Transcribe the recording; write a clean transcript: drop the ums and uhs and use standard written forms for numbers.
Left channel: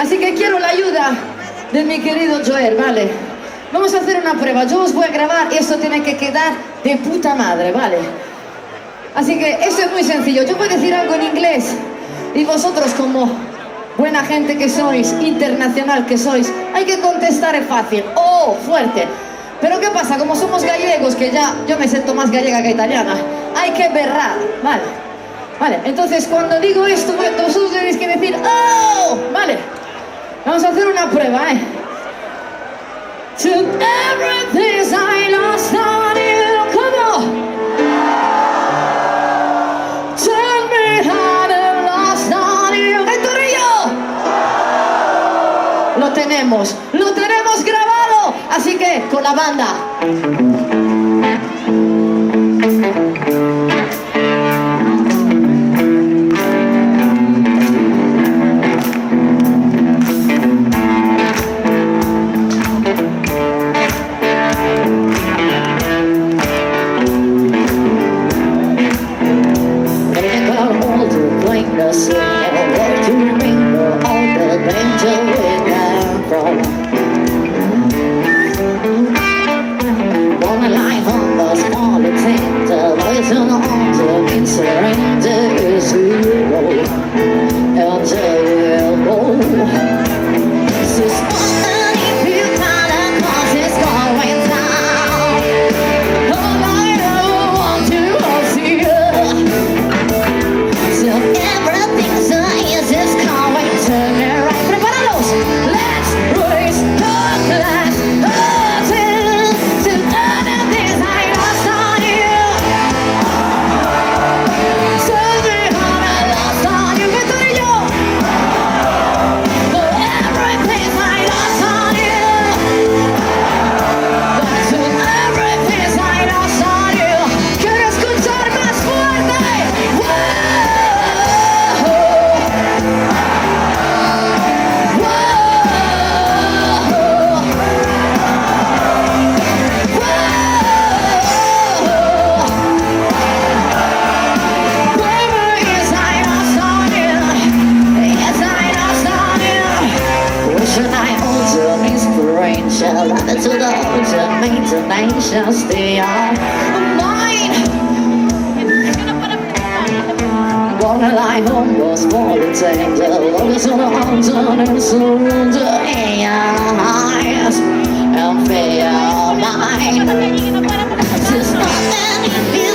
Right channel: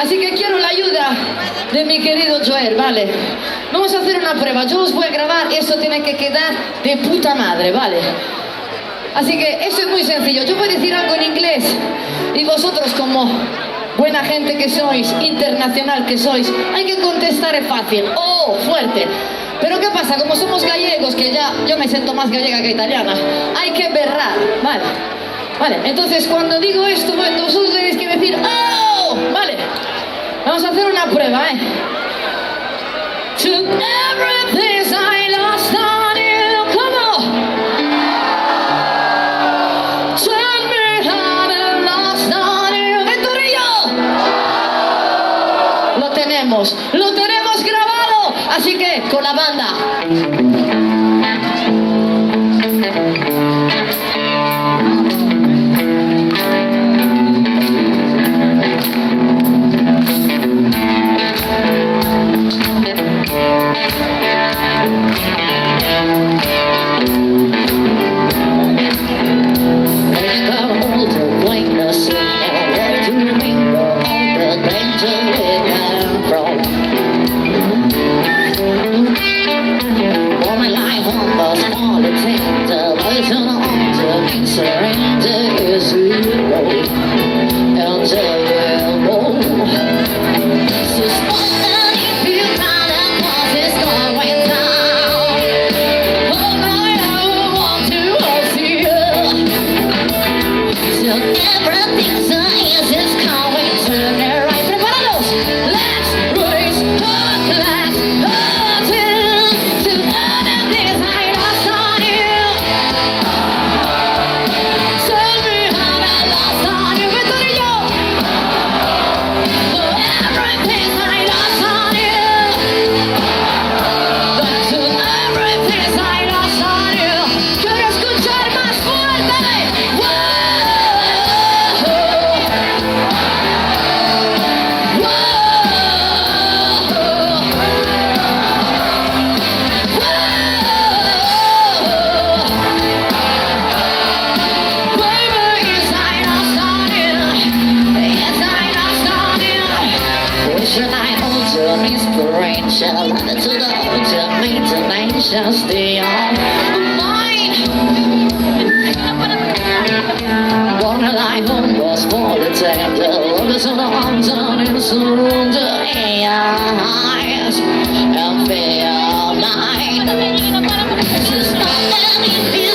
Así que quiero la ayuda de mi querido Joel, ¿vale? Vamos a hacer una prueba, yo os voy a grabar y eso tiene que quedar de puta madre, ¿vale? Así que eso es muy sencillo, yo voy a decir algo en inglés y vosotros como buena gente que sois, internacional que sois, hay que contestar fácil, fuerte. Pero ¿qué pasa? Como somos gallegos, que ya yo me siento más gallega que italiana, hay que berrar, ¿vale? Vale, entonces cuando digo esto, vosotros tenéis que decir ¡oh! Vale, vamos a hacer una prueba, ¿eh? Took everything I lost on you, come on. Tell me how I lost on you. ¡Venturillo! Lo tenemos grabado, así que con la banda. To the ultimate dimensions, they are mine. Wanna life almost for the danger. Love is on the arms and surrender eyes and feel mine. Just not any